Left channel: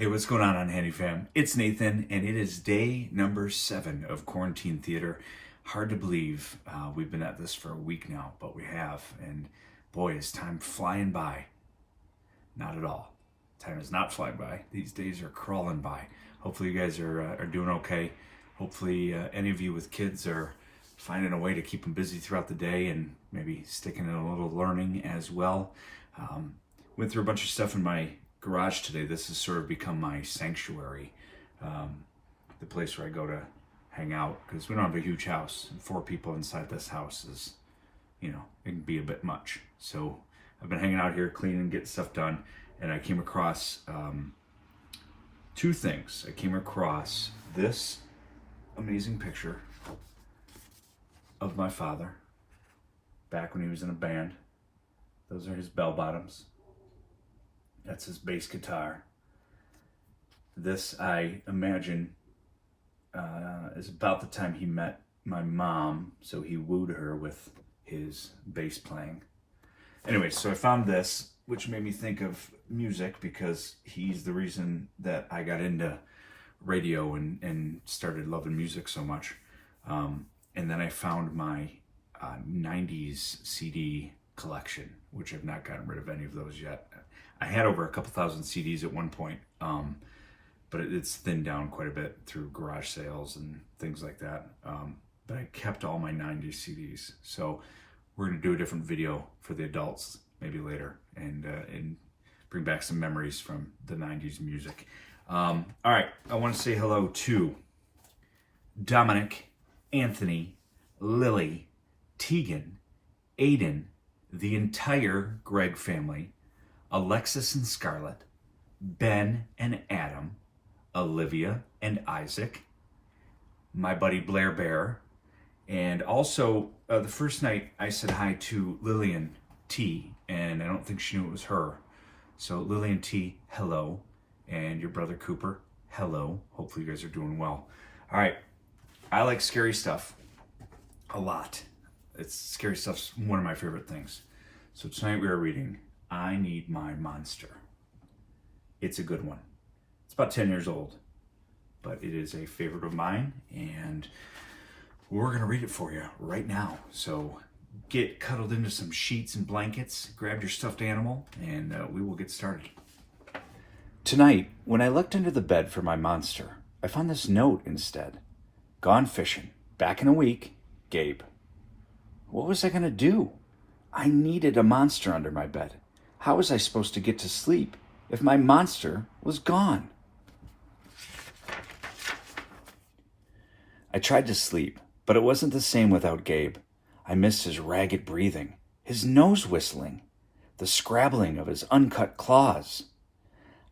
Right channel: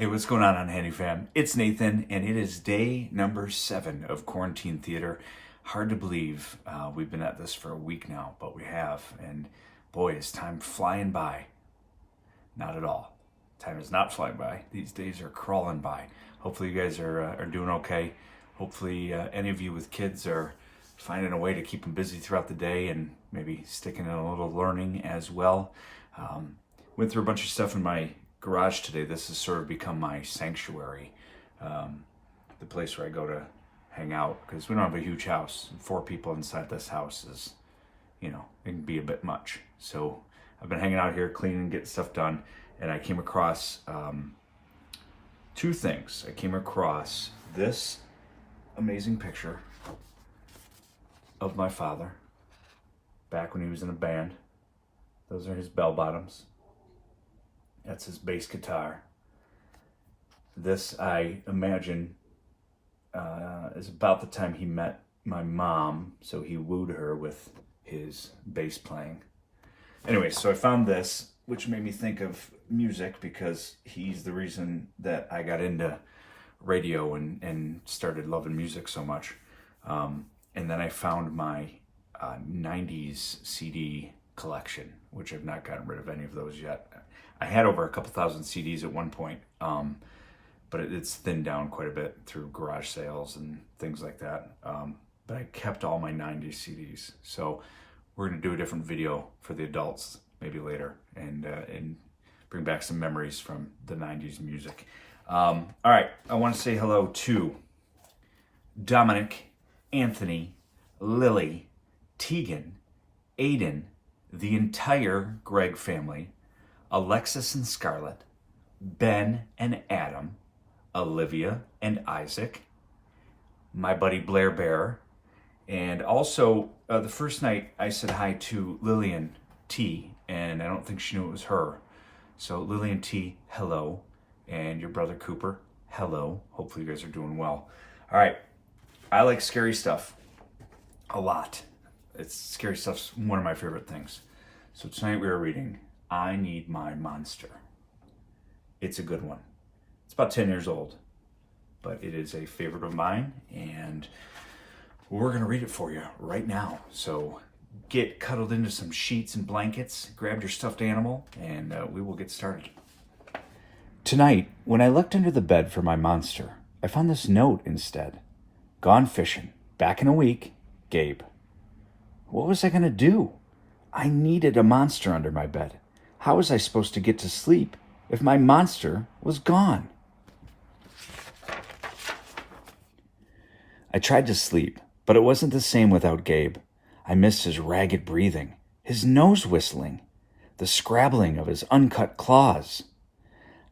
Hey, what's going on, Unhandy fam? It's Nathan, and it is day number 7 of Quarantine Theater. Hard to believe we've been at this for a week now, but we have, and boy, is time flying by. Not at all. Time is not flying by. These days are crawling by. Hopefully you guys are doing okay. Hopefully any of you with kids are finding a way to keep them busy throughout the day and maybe sticking in a little learning as well. Went through a bunch of stuff in my garage today. This has sort of become my sanctuary, the place where I go to hang out, because we don't have a huge house. 4 people inside this house is, it can be a bit much. So I've been hanging out here, cleaning, getting stuff done, and I came across 2 things. I came across this amazing picture of my father back when he was in a band. Those are his bell bottoms. That's his bass guitar. This, I imagine, is about the time he met my mom, so he wooed her with his bass playing. Anyway, so I found this, which made me think of music, because he's the reason that I got into radio and started loving music so much. And then I found my 90s CD collection, which I've not gotten rid of any of those yet. I had over a couple thousand CDs at one point, but it's thinned down quite a bit through garage sales and things like that. But I kept all my 90s CDs. So we're going to do a different video for the adults maybe later and bring back some memories from the 90s music. All right, I want to say hello to Dominic, Anthony, Lily, Tegan, Aiden, the entire Greg family, Alexis and Scarlett, Ben and Adam, Olivia and Isaac, my buddy Blair Bear, and also the first night I said hi to Lillian T, and I don't think she knew it was her. So Lillian T, hello, and your brother Cooper, hello. Hopefully you guys are doing well. All right, I like scary stuff a lot. Scary stuff's one of my favorite things. So tonight we are reading I Need My Monster. It's a good one. It's about 10 years old, but it is a favorite of mine, and we're going to read it for you right now. So get cuddled into some sheets and blankets, grab your stuffed animal, and we will get started. Tonight, when I looked under the bed for my monster, I found this note instead. Gone fishing. Back in a week. Gabe. What was I going to do? I needed a monster under my bed. How was I supposed to get to sleep if my monster was gone? I tried to sleep, but it wasn't the same without Gabe. I missed his ragged breathing, his nose whistling, the scrabbling of his uncut claws.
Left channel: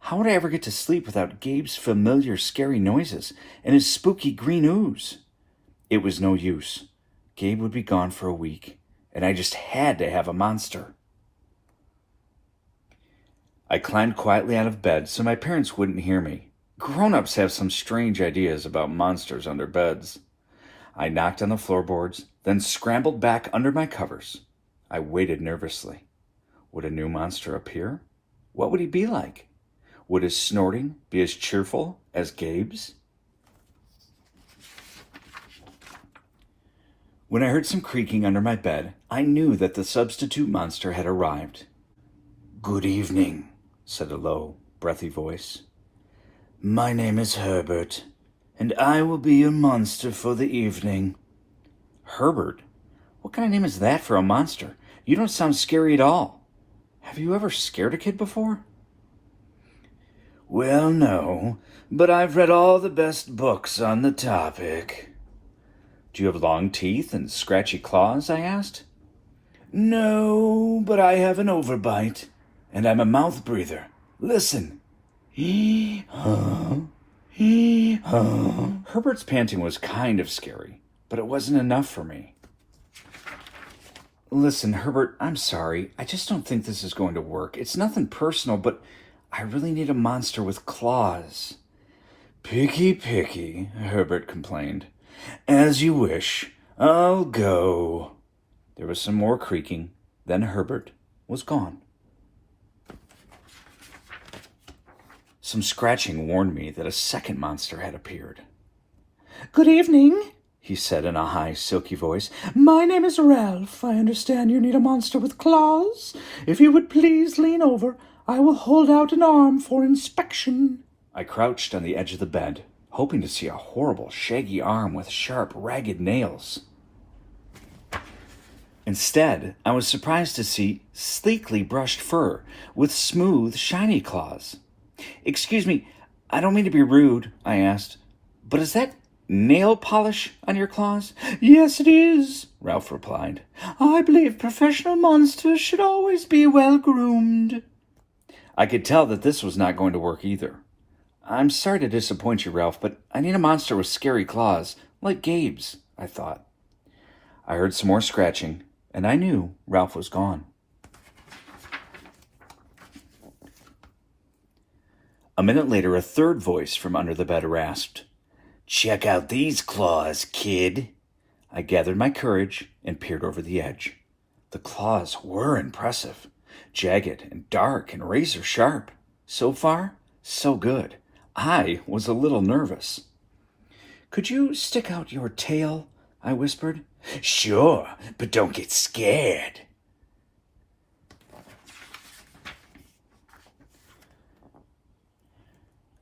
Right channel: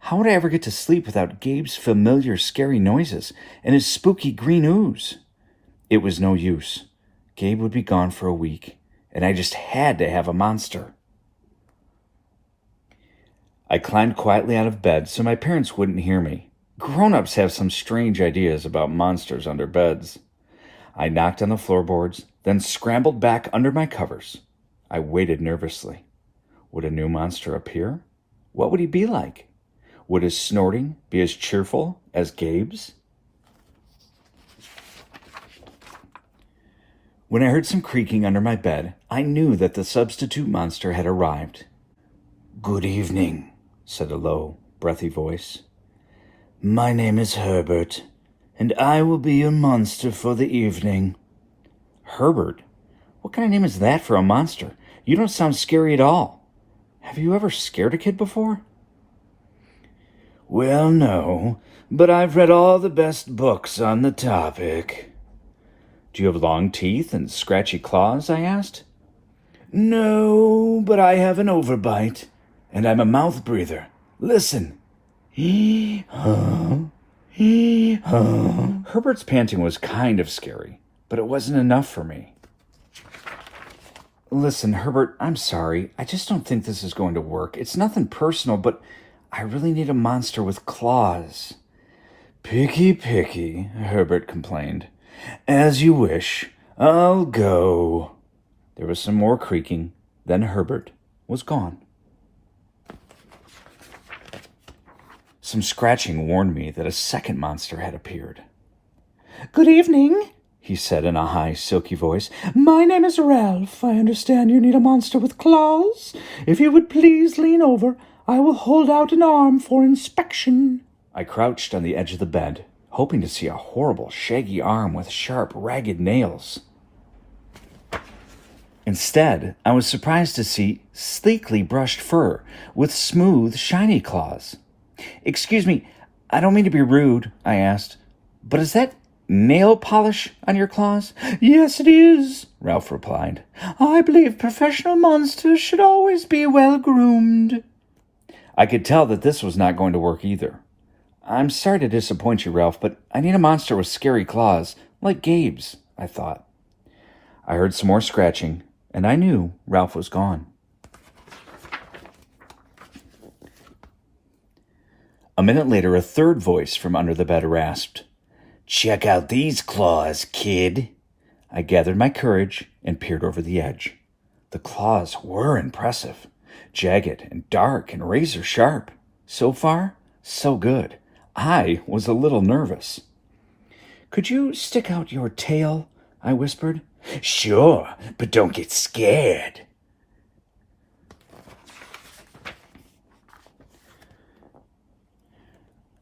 How would I ever get to sleep without Gabe's familiar scary noises and his spooky green ooze? It was no use. Gabe would be gone for a week, and I just had to have a monster. I climbed quietly out of bed so my parents wouldn't hear me. Grown-ups have some strange ideas about monsters under beds. I knocked on the floorboards, then scrambled back under my covers. I waited nervously. Would a new monster appear? What would he be like? Would his snorting be as cheerful as Gabe's? When I heard some creaking under my bed, I knew that the substitute monster had arrived. "Good evening," said a low, breathy voice. "My name is Herbert, and I will be your monster for the evening." Herbert? What kind of name is that for a monster? You don't sound scary at all. Have you ever scared a kid before? "Well, no, but I've read all the best books on the topic." "Do you have long teeth and scratchy claws?" I asked. "No, but I have an overbite, and I'm a mouth breather. Listen. Hee-haw, hee-haw." Herbert's panting was kind of scary, but it wasn't enough for me. "Listen, Herbert, I'm sorry. I just don't think this is going to work. It's nothing personal, but I really need a monster with claws." "Picky, picky," Herbert complained. "As you wish. I'll go." There was some more creaking, then Herbert was gone. Some scratching warned me that a second monster had appeared. "Good evening," he said in a high, silky voice. "My name is Ralph. I understand you need a monster with claws. If you would please lean over, I will hold out an arm for inspection." I crouched on the edge of the bed, hoping to see a horrible, shaggy arm with sharp, ragged nails. Instead, I was surprised to see sleekly brushed fur with smooth, shiny claws. "Excuse me, I don't mean to be rude," I asked, "but is that nail polish on your claws?" "Yes, it is," Ralph replied. "I believe professional monsters should always be well groomed." I could tell that this was not going to work either. "I'm sorry to disappoint you, Ralph, but I need a monster with scary claws, like Gabe's," I thought. I heard some more scratching, and I knew Ralph was gone. A minute later, a third voice from under the bed rasped, "Check out these claws, kid." I gathered my courage and peered over the edge. The claws were impressive, jagged and dark and razor sharp. So far, so good. I was a little nervous. "Could you stick out your tail?" I whispered. "Sure, but don't get scared."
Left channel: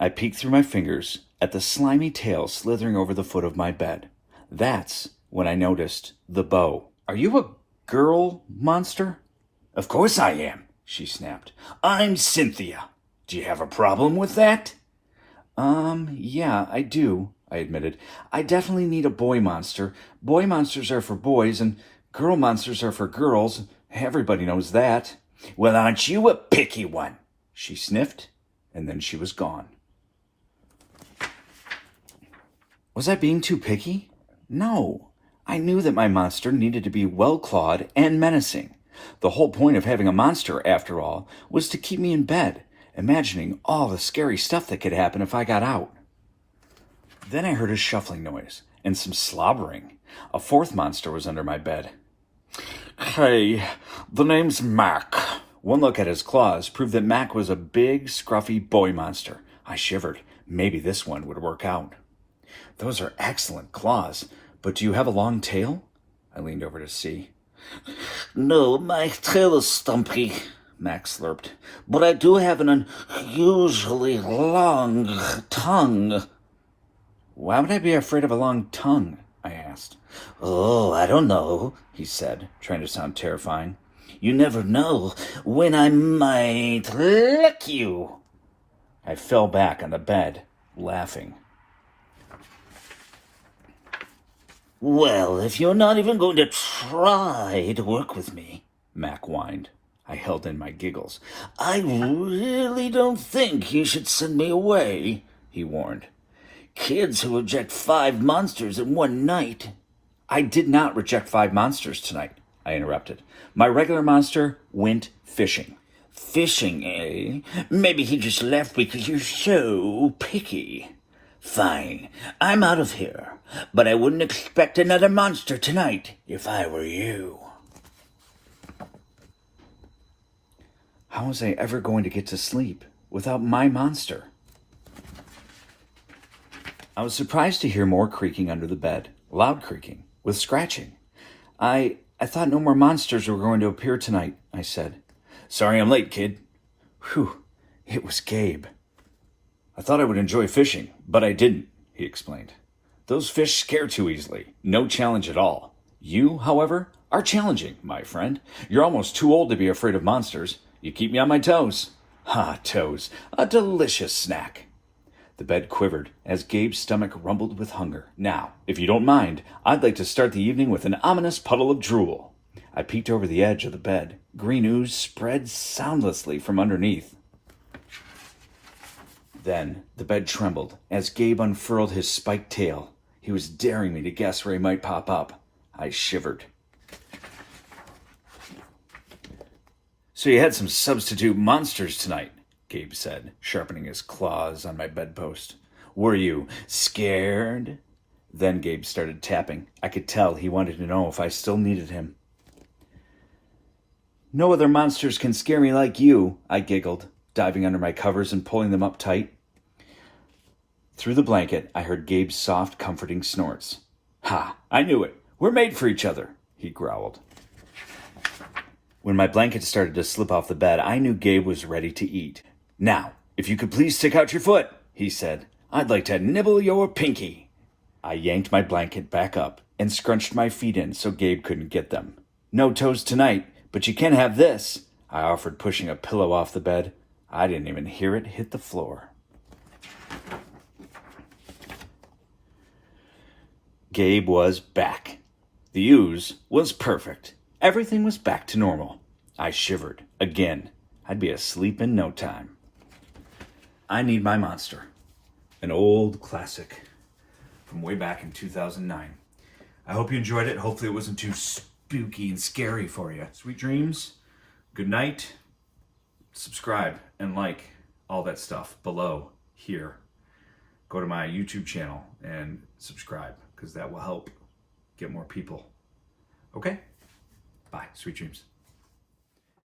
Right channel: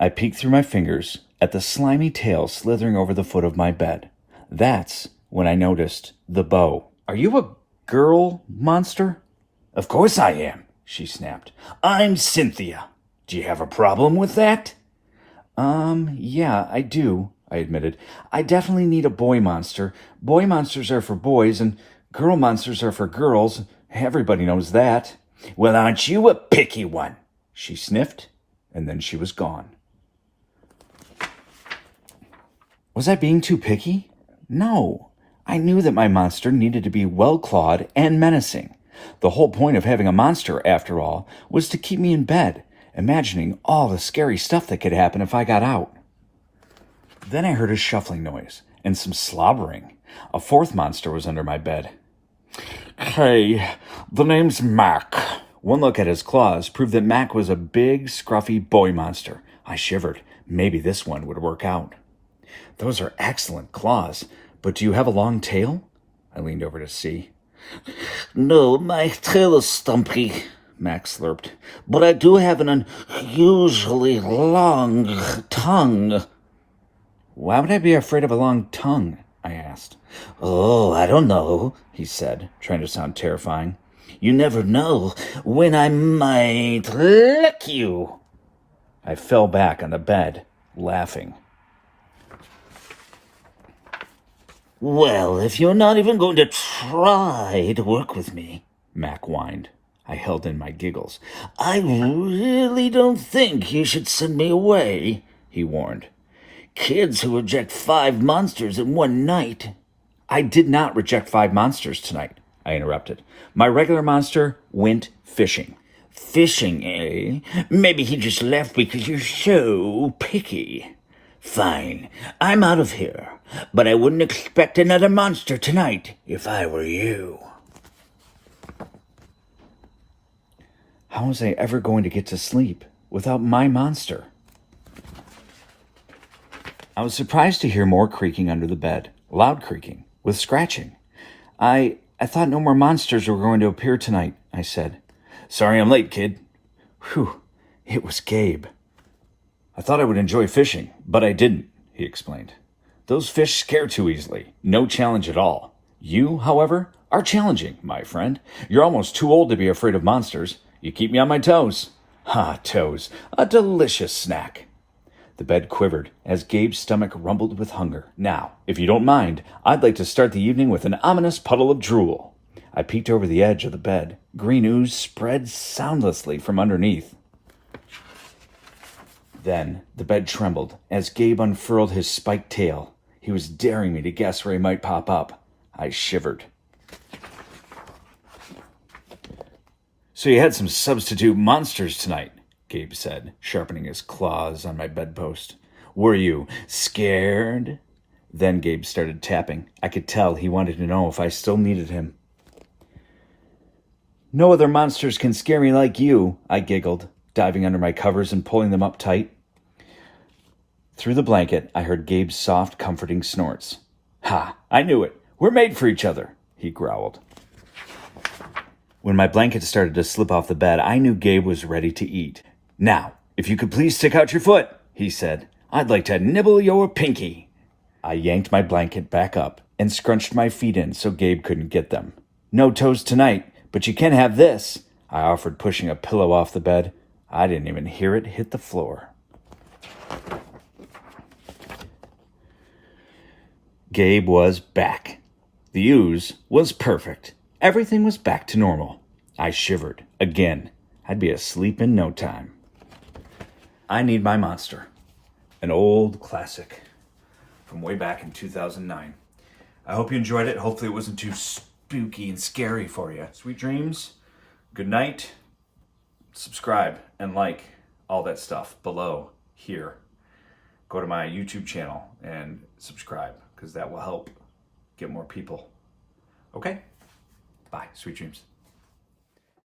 I peeked through my fingers at the slimy tail slithering over the foot of my bed. That's when I noticed the bow. "Are you a girl monster?" "Of course I am," she snapped. "I'm Cynthia. Do you have a problem with that?" Yeah, I do," I admitted. "I definitely need a boy monster. Boy monsters are for boys, and girl monsters are for girls. Everybody knows that." "Well, aren't you a picky one?" She sniffed, and then she was gone. Was I being too picky? No. I knew that my monster needed to be well-clawed and menacing. The whole point of having a monster, after all, was to keep me in bed, imagining all the scary stuff that could happen if I got out. Then I heard a shuffling noise and some slobbering. A fourth monster was under my bed. "Hey, the name's Mac." One look at his claws proved that Mac was a big, scruffy boy monster. I shivered. Maybe this one would work out. "Those are excellent claws, but do you have a long tail?" I leaned over to see. "No, my tail is stumpy," Max slurped, "but I do have an unusually long tongue." "Why would I be afraid of a long tongue?" I asked. "Oh, I don't know," he said, trying to sound terrifying. "You never know when I might lick you." I fell back on the bed, laughing. "Well, if you're not even going to try to work with me," Mac whined. I held in my giggles. "I really don't think you should send me away," he warned. "Kids who reject 5 monsters in one night." "I did not reject 5 monsters tonight," I interrupted. "My regular monster went fishing." "Fishing, eh? Maybe he just left because you're so picky." "Fine, I'm out of here. But I wouldn't expect another monster tonight if I were you." How was I ever going to get to sleep without my monster? I was surprised to hear more creaking under the bed, loud creaking, with scratching. I thought no more monsters were going to appear tonight," I said. "Sorry I'm late, kid." Whew, it was Gabe. "I thought I would enjoy fishing, but I didn't," he explained. "Those fish scare too easily. No challenge at all. You, however, are challenging, my friend. You're almost too old to be afraid of monsters. You keep me on my toes." "Ah, toes. A delicious snack." The bed quivered as Gabe's stomach rumbled with hunger. "Now, if you don't mind, I'd like to start the evening with an ominous puddle of drool." I peeked over the edge of the bed. Green ooze spread soundlessly from underneath. Then the bed trembled as Gabe unfurled his spiked tail. He was daring me to guess where he might pop up. I shivered. "So you had some substitute monsters tonight," Gabe said, sharpening his claws on my bedpost. "Were you scared?" Then Gabe started tapping. I could tell he wanted to know if I still needed him. "No other monsters can scare me like you," I giggled. diving under my covers and pulling them up tight. Through the blanket, I heard Gabe's soft, comforting snorts. "Ha! I knew it. We're made for each other," he growled. When my blanket started to slip off the bed, I knew Gabe was ready to eat. "Now, if you could please stick out your foot," he said. "I'd like to nibble your pinky." I yanked my blanket back up and scrunched my feet in so Gabe couldn't get them. "No toes tonight, but you can have this," I offered, pushing a pillow off the bed. I didn't even hear it hit the floor. Gabe was back. The ooze was perfect. Everything was back to normal. I shivered. Again. I'd be asleep in no time. I Need My Monster. An old classic from way back in 2009. I hope you enjoyed it. Hopefully it wasn't too spooky and scary for you. Sweet dreams. Good night. Subscribe and like all that stuff below here. Go to my YouTube channel and subscribe because that will help get more people. Okay? Bye. Sweet dreams.